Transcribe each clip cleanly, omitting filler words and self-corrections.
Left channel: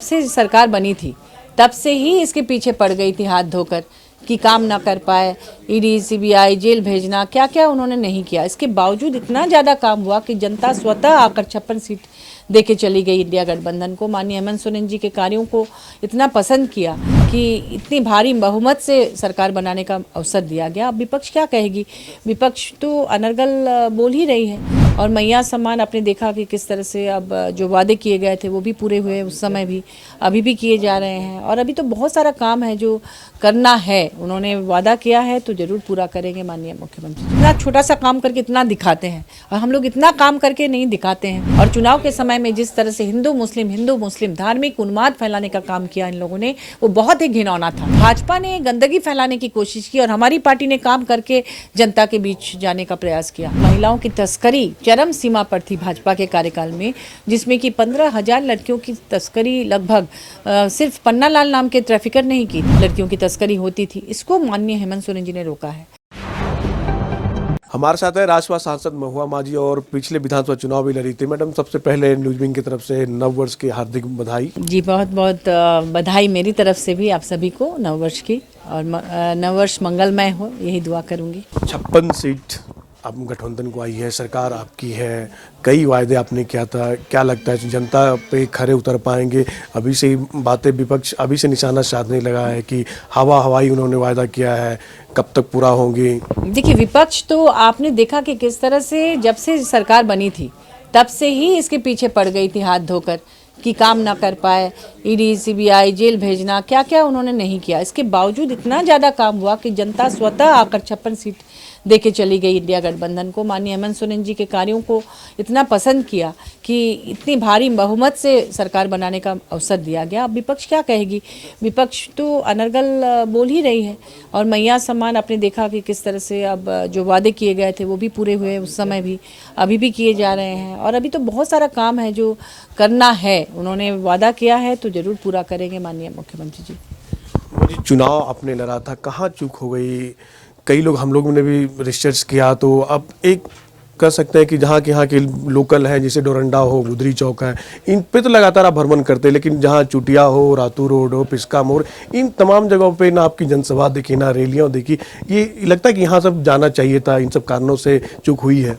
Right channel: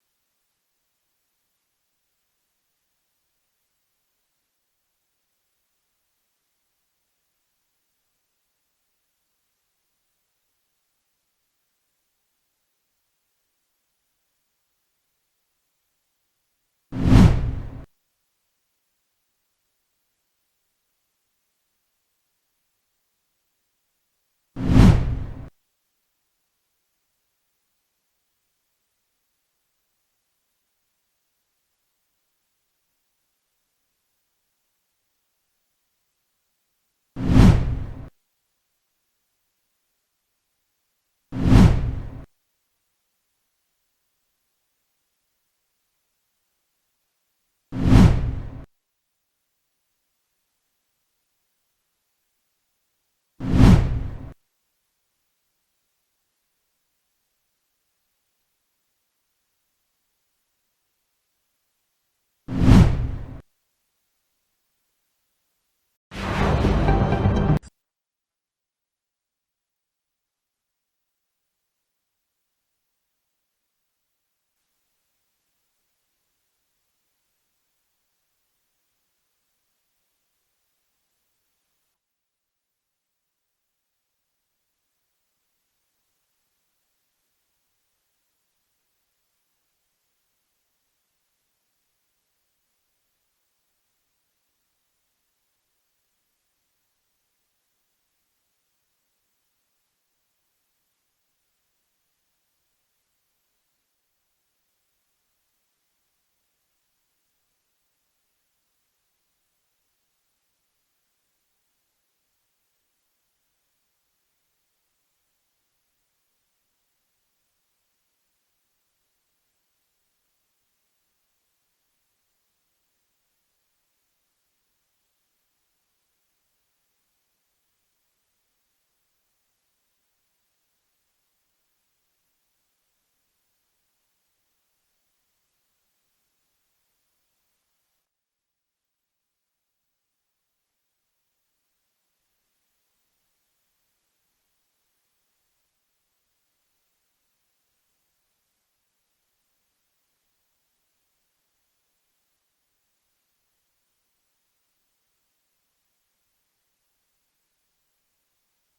से सरकार बनी थी तब से ही इसके पीछे पड़ गई थी हाथ धोकर कि काम ना कर पाए। ईडी, सीबीआई, जेल भेजना, क्या क्या उन्होंने नहीं किया। इसके बावजूद इतना ज़्यादा काम हुआ कि जनता स्वतः आकर 56 सीट दे के चली गई इंडिया गठबंधन को। माननीय हेमंत सोरेन जी के कार्यों को इतना पसंद किया कि इतनी भारी बहुमत से सरकार बनाने का अवसर दिया गया। अब विपक्ष क्या कहेगी? विपक्ष तो अनर्गल बोल ही रही है। और मैया सम्मान आपने देखा कि किस तरह से अब जो वादे किए गए थे वो भी पूरे हुए, उस समय भी अभी भी किए जा रहे हैं। और अभी तो बहुत सारा काम है जो करना है। उन्होंने वादा किया है तो जरूर पूरा करेंगे माननीय मुख्यमंत्री। इतना छोटा सा काम करके इतना दिखाते हैं और हम लोग इतना काम करके नहीं दिखाते हैं। और चुनाव के समय में जिस तरह से हिंदू मुस्लिम धार्मिक उन्माद फैलाने का काम किया इन लोगों ने, वो बहुत ही घिनौना था। भाजपा ने गंदगी फैलाने की कोशिश की और हमारी पार्टी ने काम करके जनता के बीच जाने का प्रयास किया। महिलाओं की तस्करी चरम सीमा पर थी भाजपा के कार्यकाल में, जिसमें कि 15,000 लड़कियों की तस्करी लगभग सिर्फ पन्नालाल नाम के ट्रैफिकर नहीं की लड़कियों की तस्करी होती थी। इसको माननीय हेमंत सोरेन जी ने रोका है। हमारे साथ है राजसभा सांसद महुआ माझी और पिछले विधानसभा चुनाव भी लड़ी थी। मैडम, सबसे पहले न्यूज विंग की तरफ से नव वर्ष की हार्दिक बधाई। जी, बहुत बहुत बधाई मेरी तरफ से भी आप सभी को नव वर्ष की, और नव वर्ष मंगलमय हो, यही दुआ करूंगी। 56 सीट अब गठबंधन को आई है, सरकार आपकी है, कई वायदे आपने किया था। क्या लगता है जनता पे खरे उतर पाएंगे? अभी से बातें विपक्ष अभी से निशाना साधने लगा है कि हवाई उन्होंने वायदा किया है, कब तक पूरा होंगे? देखिए, विपक्ष तो आपने देखा कि किस तरह से जब से सरकार बनी थी तब से ही इसके पीछे पड़ गई थी हाथ धोकर कि काम ना कर पाए। ईडी, सीबीआई, जेल भेजना, क्या क्या उन्होंने नहीं किया। इसके बावजूद इतना ज़्यादा काम हुआ कि जनता स्वतः आकर 56 सीट दे के चली गई इंडिया गठबंधन को। माननीय हेमंत सोरेन जी के कार्यों को इतना पसंद किया कि इतनी भारी बहुमत से सरकार बनाने का अवसर दिया गया। अब विपक्ष क्या कहेगी? विपक्ष तो अनर्गल बोल ही रही है। और मैया सम्मान आपने देखा कि किस तरह से अब जो वादे किए गए थे वो भी पूरे हुए, उस समय भी अभी भी किए जा रहे हैं। और अभी तो बहुत सारा काम है जो करना है। उन्होंने वादा किया है तो जरूर पूरा करेंगे माननीय मुख्यमंत्री जी। चुनाव आपने लड़ा था, कहाँ चूक हो गई? कई लोग, हम लोगों ने भी रिसर्च किया तो अब एक कह सकते हैं कि जहाँ के यहाँ के लोकल हैं, जैसे डोरंडा हो, गुदरी चौक है, इन पे तो लगातार आप भ्रमण करते हैं, लेकिन जहाँ चुटिया हो, रातू रोड हो, पिस्का मोड़, इन तमाम जगहों पे ना आपकी जनसभा देखी, ना रैलियाँ देखी। ये लगता है कि यहाँ सब जाना चाहिए था, इन सब कारणों से चूक हुई है।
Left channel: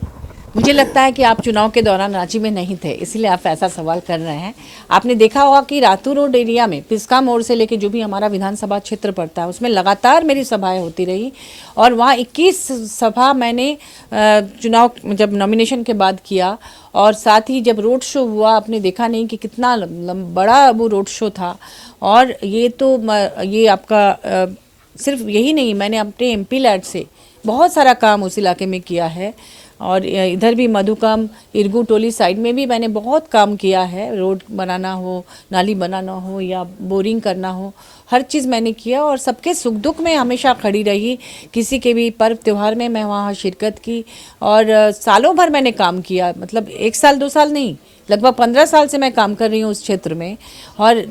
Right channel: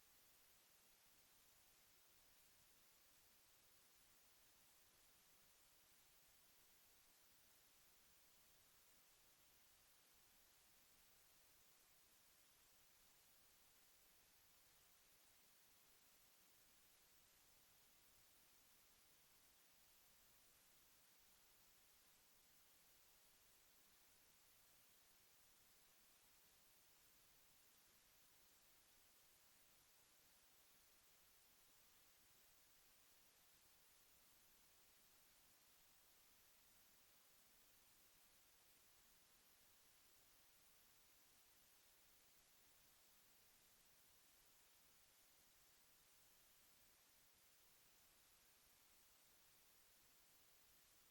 मुझे लगता है कि आप चुनाव के दौरान रांची में नहीं थे, इसलिए आप ऐसा सवाल कर रहे हैं। आपने देखा होगा कि रातू रोड एरिया में पिस्का मोड़ से लेके जो भी हमारा विधानसभा क्षेत्र पड़ता है, उसमें लगातार मेरी सभाएं होती रही। और वहाँ 21 सभा मैंने चुनाव जब नॉमिनेशन के बाद किया। और साथ ही जब रोड शो हुआ, आपने देखा नहीं कि कितना बड़ा वो रोड शो था। और ये आपका सिर्फ यही नहीं, मैंने अपने MP लैड से बहुत सारा काम उस इलाके में किया है। और इधर भी मधुकम, इरगू टोली साइड में भी मैंने बहुत काम किया है। रोड बनाना हो, नाली बनाना हो या बोरिंग करना हो, हर चीज़ मैंने किया। और सबके सुख दुख में हमेशा खड़ी रही। किसी के भी पर्व त्यौहार में मैं वहाँ शिरकत की। और सालों भर मैंने काम किया, मतलब 1 साल 2 साल नहीं, लगभग 15 साल से मैं काम कर रही हूँ उस क्षेत्र में। और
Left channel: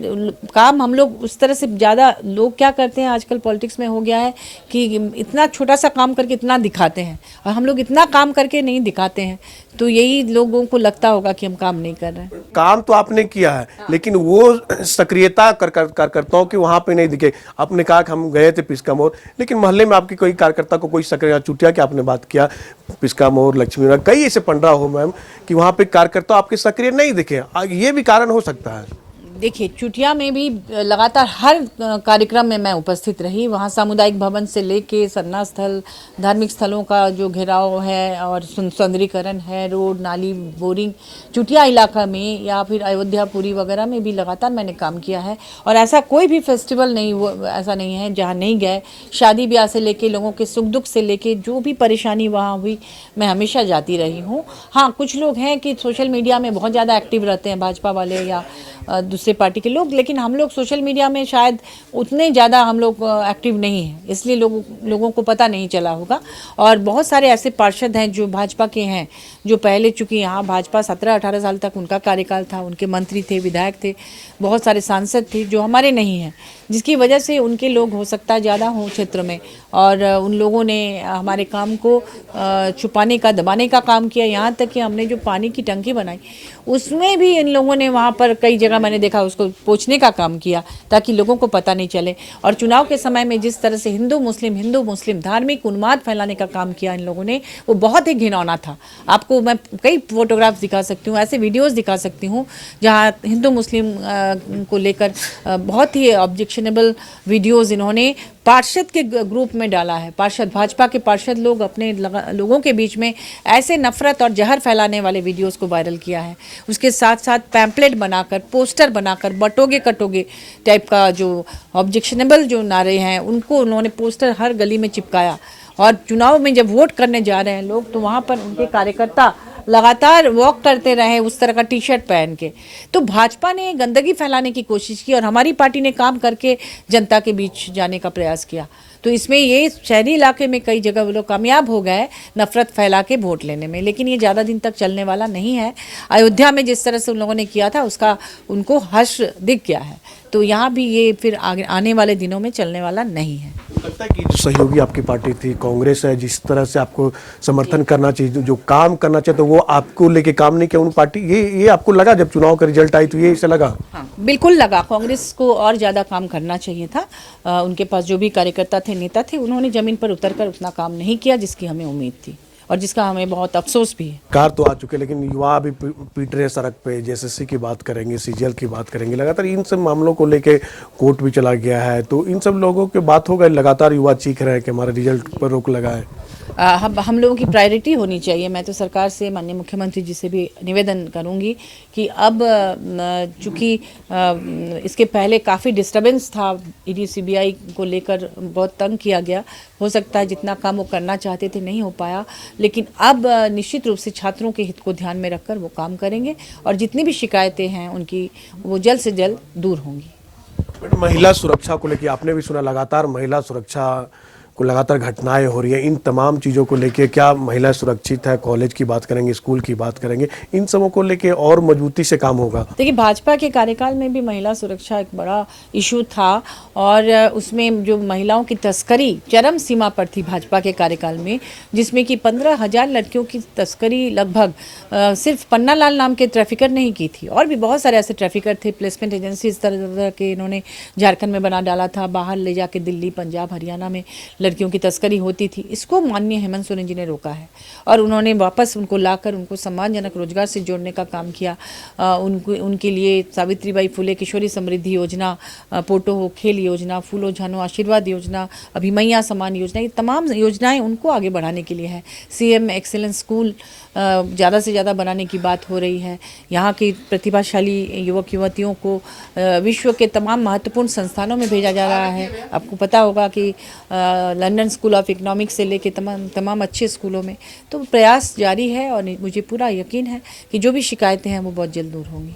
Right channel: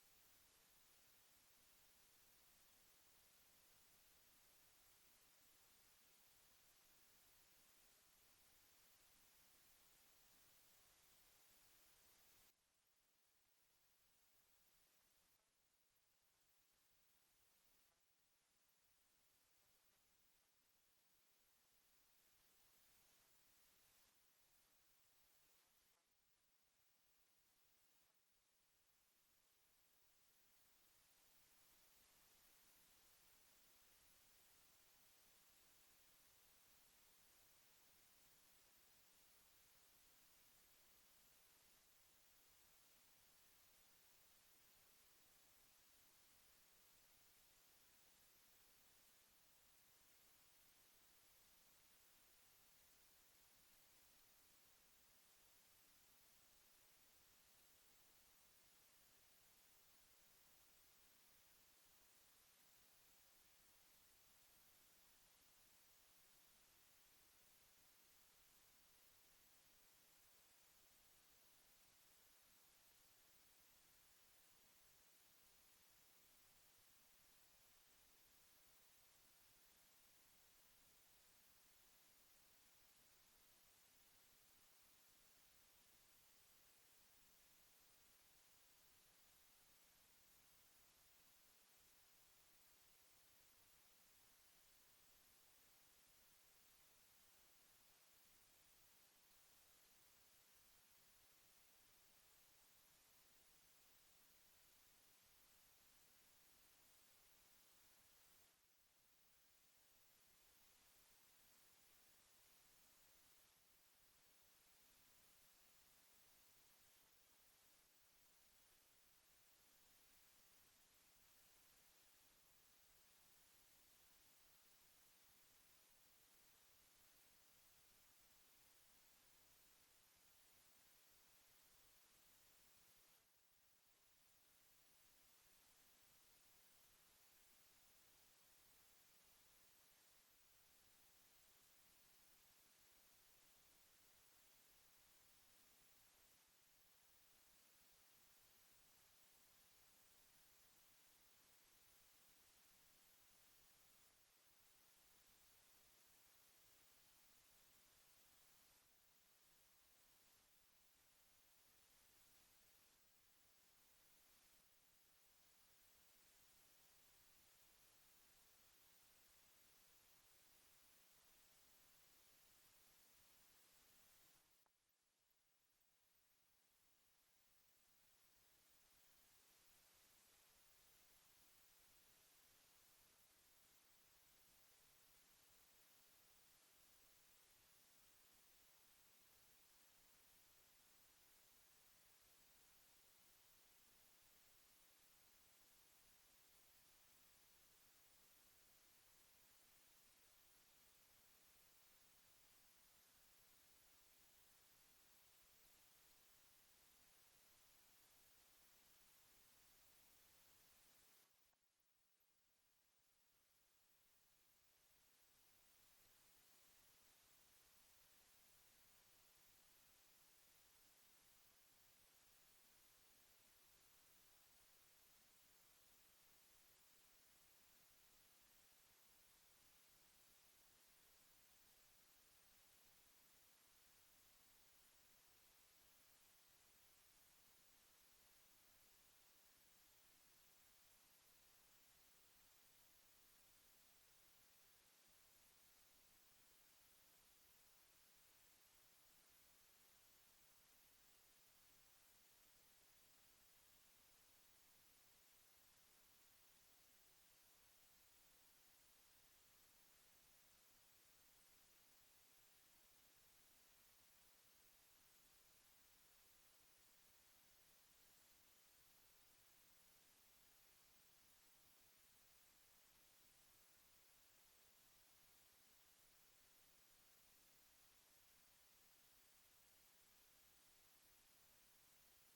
काम हम लोग उस तरह से ज़्यादा, लोग क्या करते हैं आजकल पॉलिटिक्स में हो गया है कि इतना छोटा सा काम करके इतना दिखाते हैं, और हम लोग इतना काम करके नहीं दिखाते हैं। तो यही लोगों को लगता होगा कि हम काम नहीं कर रहे हैं। काम तो आपने किया है, लेकिन वो सक्रियता कार्यकर्ताओं की वहां पे नहीं दिखे। आपने कहा कि हम गए थे पिस्का मोड़, लेकिन मोहल्ले में आपके कोई कार्यकर्ता को कोई सक्रिय, चुटिया की आपने बात किया, पिस्का मोड़, लक्ष्मी, कई ऐसे पंडरा हो मैम कि वहां पे कार्यकर्ता आपके सक्रिय नहीं दिखे। ये भी कारण हो सकता है। देखिए, चुटिया में भी लगातार हर कार्यक्रम में मैं उपस्थित रही। वहाँ सामुदायिक भवन से लेके सरना स्थल, धार्मिक स्थलों का जो घेराव है और सौंदर्यीकरण है, रोड, नाली, बोरिंग, चुटिया इलाका में या फिर अयोध्यापुरी वगैरह में भी लगातार मैंने काम किया है। और ऐसा कोई भी फेस्टिवल नहीं, वो ऐसा नहीं है जहाँ नहीं गए। शादी ब्याह से लेके, लोगों के सुख दुख से लेके, जो भी परेशानी वहाँ हुई, मैं हमेशा जाती रही हूँ। हाँ, कुछ लोग हैं कि सोशल मीडिया में बहुत ज़्यादा एक्टिव रहते हैं, भाजपा वाले या दूसरे पार्टी के लोग, लेकिन हम लोग सोशल मीडिया में शायद उतने ज़्यादा हम लोग एक्टिव नहीं हैं, इसलिए लोगों को पता नहीं चला होगा। और बहुत सारे ऐसे पार्षद हैं जो भाजपा के हैं, जो पहले चूँकि यहाँ भाजपा 17-18 साल तक उनका कार्यकाल था, उनके मंत्री थे, विधायक थे, बहुत सारे सांसद थे जो हमारे नहीं हैं, जिसकी वजह से उनके लोग हो सकता है ज़्यादा हों क्षेत्र में, और उन लोगों ने हमारे काम को छुपाने का, दबाने का काम किया। यहाँ तक कि हमने जो पानी की टंकी बनाई उसमें भी इन लोगों ने वहाँ पर कई जगह मैंने देखा उसको पोंछने का काम किया ताकि लोगों को पता नहीं चले। और चुनाव के समय में जिस तरह से हिंदू मुस्लिम धार्मिक उन्माद फैलाने का काम किया इन लोगों ने, वो बहुत ही घिनौना था। आपको मैं कई फोटोग्राफ्स दिखा सकती हूँ, ऐसे वीडियोस दिखा सकती हूँ जहाँ हिंदू मुस्लिम को लेकर बहुत ही ऑब्जेक्शनेबल वीडियोस इन्होंने पार्षद के ग्रुप में डाला है। पार्षद, भाजपा के पार्षद लोग अपने लोगों के बीच में ऐसे नफरत और जहर फैलाने वाले वीडियोस को वायरल किया है। उसके साथ साथ पैम्पलेट बनाकर, पोस्टर बनाकर, बटोगे कटोगे टाइप का जो ऑब्जेक्शनेबल जो नारे हैं उनको उन्होंने पोस्टर हर गली में चिपकाया। और चुनाव में जब वोट करने जा रहे हैं लोग, तो वहाँ पर उनके कार्यकर्ता लगातार वॉक करते रहे उस तरह का टी शर्ट पहन के। तो भाजपा ने गंदगी फैलाने की कोशिश की और हमारी पार्टी ने काम करके जनता के बीच जाने का प्रयास किया। तो इसमें ये शहरी इलाके में कई जगह वो लोग कामयाब हो गए नफरत फैला के वोट लेने में, लेकिन ये ज़्यादा दिन तक चलने वाला नहीं है। अयोध्या में जिस तरह से उन लोगों ने किया था उसका उनको हर्ष दिख गया है, तो यहाँ भी ये फिर आगे आने वाले दिनों में चलने वाला नहीं है। लगता है कि जो सहयोगी आपकी पार्टी थी कांग्रेस है, जिस तरह से आपको समर्थन करना चाहिए, जो काम करना चाहिए, तो वो आपको लेके काम नहीं किया उन पार्टी, ये आपको लगा जब चुनाव का रिजल्ट आई तो ये इसे लगा? हाँ, बिल्कुल लगा। कांग्रेस को और ज़्यादा काम करना चाहिए था। उनके पास जो भी कार्यकर्ता थे, नेता थे, उन्होंने ज़मीन पर उतरकर उतना काम नहीं किया जिसकी हमें उम्मीद थी और जिसका हमें बहुत अफसोस भी है। कार तो आ चुके लेकिन युवा अभी पीट रहे सड़क पे, जेएसएससी की बात करेंगे, सीजीएल की बात करेंगे, लगातार इन सब मामलों को लेके कोर्ट भी चला गया है, तो इन सब लोगों की बात होगा, लगातार युवा चीख रहे हैं कि हमारे रिजल्ट पर रोक लगा है। हम लोगों की प्रायोरिटी होनी चाहिए। मैं तो सरकार से, माननीय मुख्यमंत्री जी से भी निवेदन करूंगी कि अब चूँकि इसके पहले काफ़ी डिस्टर्बेंस था, ईडी सीबीआई को लेकर बहुत तंग किया गया, हो सकता है जितना काम वो करना चाहते थे नहीं हो पाया, लेकिन अब निश्चित रूप से छात्रों के हित को ध्यान में रखकर वो काम करेंगे और जितनी भी शिकायतें हैं उनकी वो जल्द से जल्द दूर होंगी। महिला सुरक्षा को लेकर आपने भी सुना, लगातार महिला सुरक्षा को लगातार घटनाएं हो रही है, इन तमाम चीज़ों को लेके क्या महिला सुरक्षित है? कॉलेज की बात करेंगे, स्कूल की बात करेंगे, इन सबों को लेके और मजबूती से काम होगा। देखिए, भाजपा के कार्यकाल में भी महिला सुरक्षा एक बड़ा इशू था और उसमें जो महिलाओं की तस्करी चरम सीमा पर थी भाजपा के कार्यकाल में, जिसमें कि 15,000 लड़कियों की तस्करी लगभग सिर्फ पन्ना लाल नाम के ट्रैफिकर ने ही की थी, और भी बहुत सारे ऐसे ट्रैफिकर थे। प्लेसमेंट एजेंसी इस तरह के इन्होंने झारखंड में बना डाला था, बाहर ले जाके दिल्ली, पंजाब, हरियाणा में लड़कियों की तस्करी होती थी। इसको माननीय हेमंत सोरेन जी ने रोका है और उन्होंने वापस उनको लाकर उनको सम्मानजनक रोजगार से जोड़ने का काम किया। उनके लिए सावित्रीबाई फुले किशोरी समृद्धि योजना, पोटो हो खेल योजना, फूलो झानो आशीर्वाद योजना, अभिमैया समान योजना, ये तमाम योजनाएं उनको आगे बढ़ाने के लिए है। सीएम एक्सीलेंस स्कूल ज़्यादा से ज़्यादा बनाने की बात हो रही है। यहाँ की प्रतिभाशाली युवक युवतियों को विश्व के तमाम महत्वपूर्ण संस्थानों में भेजा जा रहा है। आपको पता होगा कि लंदन स्कूल ऑफ इकोनॉमिक्स से लेके तमाम अच्छे स्कूलों में तो प्रयास जारी है और मुझे पूरा यकीन है कि जो भी शिकायतें हैं वो बहुत जल्द दूर होंगी।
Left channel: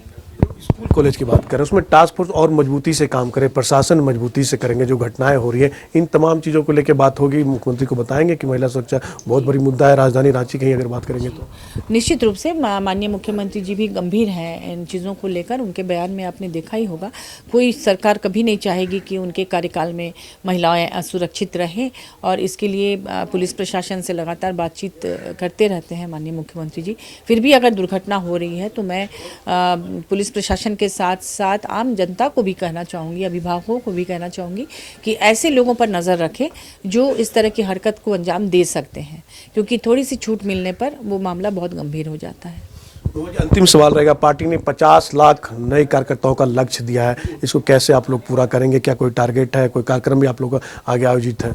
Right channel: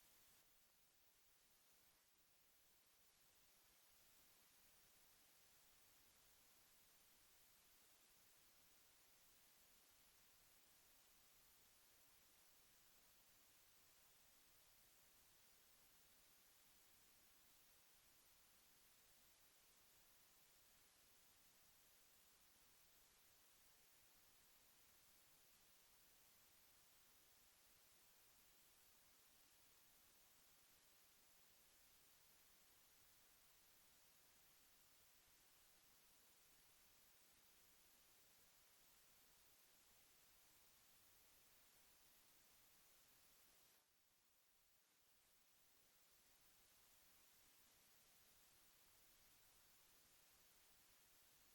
स्कूल कॉलेज की बात करें, उसमें टास्क फोर्स और मजबूती से काम करे, प्रशासन मजबूती से करेंगे, जो घटनाएं हो रही है इन तमाम चीज़ों को लेकर बात होगी। मुख्यमंत्री को बताएंगे कि महिला सुरक्षा बहुत बड़ी मुद्दा है राजधानी रांची की अगर बात करेंगे तो। निश्चित रूप से माननीय मुख्यमंत्री जी भी गंभीर हैं इन चीज़ों को लेकर। उनके बयान में आपने देखा ही होगा, कोई सरकार कभी नहीं चाहेगी कि उनके कार्यकाल में महिलाएं असुरक्षित रहें, और इसके लिए पुलिस प्रशासन से लगातार बातचीत करते रहते हैं माननीय मुख्यमंत्री जी। फिर भी अगर दुर्घटना हो रही है तो मैं पुलिस प्रशासन के साथ साथ आम जनता को भी कहना चाहूँगी, अभिभावकों को भी कहना चाहूँगी कि ऐसे लोगों पर नज़र रखें जो इस तरह की हरकत को अंजाम दे सकते हैं, क्योंकि थोड़ी सी छूट मिलने पर वो मामला बहुत गंभीर हो जाता है। तो अंतिम सवाल रहेगा, पार्टी ने 50 लाख नए कार्यकर्ताओं का लक्ष्य दिया है, इसको कैसे आप लोग पूरा करेंगे? क्या कोई टारगेट है, कोई कार्यक्रम भी आप लोग का आगे आयोजित है?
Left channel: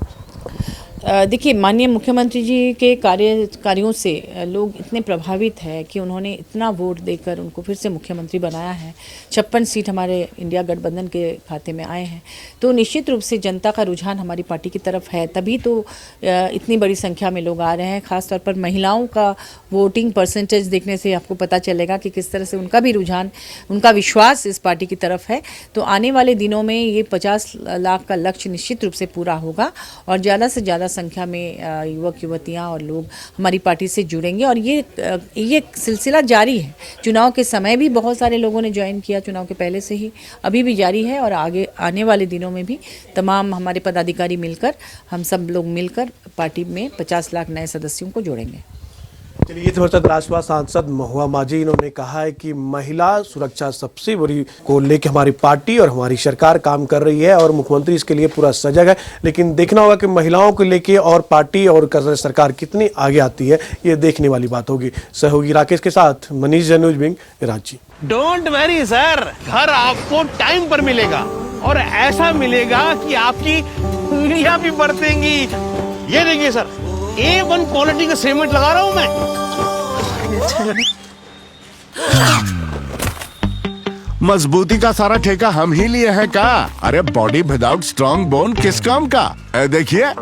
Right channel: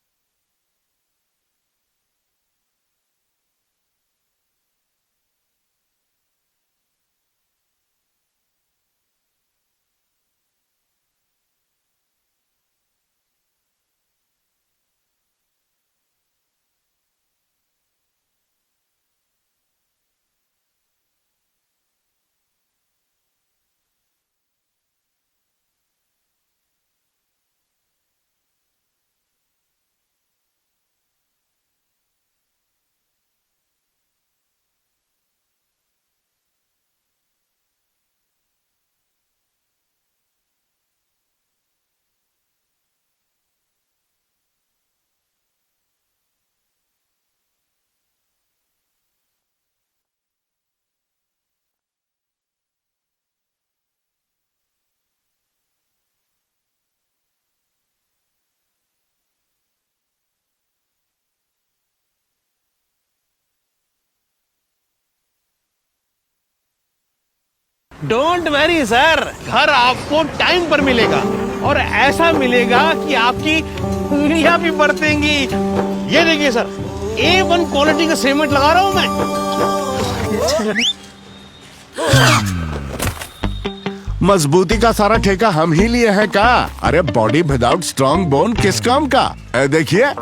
देखिए, माननीय मुख्यमंत्री जी के कार्यों से लोग इतने प्रभावित हैं कि उन्होंने इतना वोट देकर उनको फिर से मुख्यमंत्री बनाया है। 56 सीट हमारे इंडिया गठबंधन के खाते में आए हैं, तो निश्चित रूप से जनता का रुझान हमारी पार्टी की तरफ है, तभी तो इतनी बड़ी संख्या में लोग आ रहे हैं। खासतौर पर महिलाओं का वोटिंग परसेंटेज देखने से आपको पता चलेगा कि किस तरह से उनका भी रुझान, उनका विश्वास इस पार्टी की तरफ है। तो आने वाले दिनों में ये 50 लाख का लक्ष्य निश्चित रूप से पूरा होगा और ज़्यादा से ज़्यादा संख्या में युवक युवतियां और लोग हमारी पार्टी से जुड़ेंगे और ये सिलसिला जारी है। चुनाव के समय भी बहुत सारे लोगों ने ज्वाइन किया, चुनाव के पहले से ही, अभी भी जारी है और आगे आने वाले दिनों में भी तमाम हमारे पदाधिकारी मिलकर, हम सब लोग मिलकर पार्टी में 50 लाख नए सदस्यों को जोड़ेंगे। चलिए, ये थे राष्ट्रवादी सांसद महुआ माझी। इन्होंने कहा है कि महिला सुरक्षा सबसे बड़ी को लेकर हमारी पार्टी और हमारी सरकार काम कर रही है और मुख्यमंत्री इसके लिए पूरा सजग है। लेकिन देखना होगा कि महिलाओं को लेके और पार्टी और सरकार कितनी आगे आती है, ये देखने वाली बात होगी। सहयोगी राकेश के साथ Manish Jain, wing, Ranchi. Don't worry sir, घर आपको टाइम पर मिलेगा और ऐसा मिलेगा कि आपकी उंगलियां भी बरतेंगी। ये देखिए सर, A1 क्वालिटी का सीमेंट लगा रहा हूं मैं। मजबूती का सारा ठेका हम ही लिए हैं का? अरे बॉडी विदाउट स्ट्रॉन्ग बोन किस काम का? देखिए,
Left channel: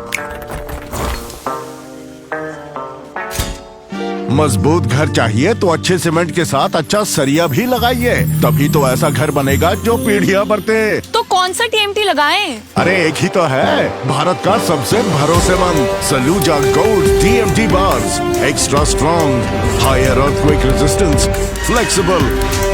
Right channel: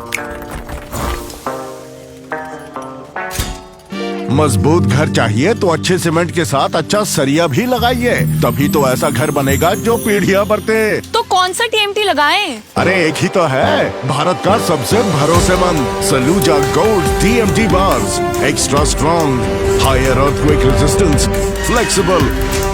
मजबूत घर चाहिए तो अच्छे सीमेंट के साथ अच्छा सरिया भी लगाइए, तभी तो ऐसा घर बनेगा जो पीढ़ियां बरते। तो कौन सा TMT लगाएं? अरे एक ही तो है, भारत का सबसे भरोसेमंद Saluja gold TMT bars. Extra strong, higher earthquake resistance, flexible,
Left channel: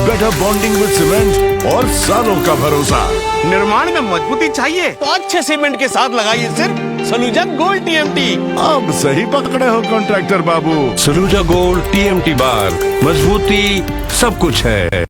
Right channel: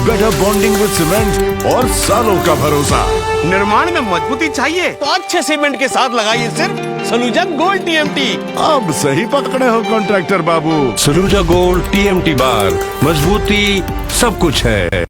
better bonding with cement और सालों का भरोसा। निर्माण में मजबूती चाहिए तो अच्छे सीमेंट के साथ लगाइए सिर्फ सलूजा गोल्ड TMT। अब सही पकड़े हो कॉन्ट्रैक्टर बाबू। सलूजा गोल्ड TMT बार, मजबूती सब कुछ है।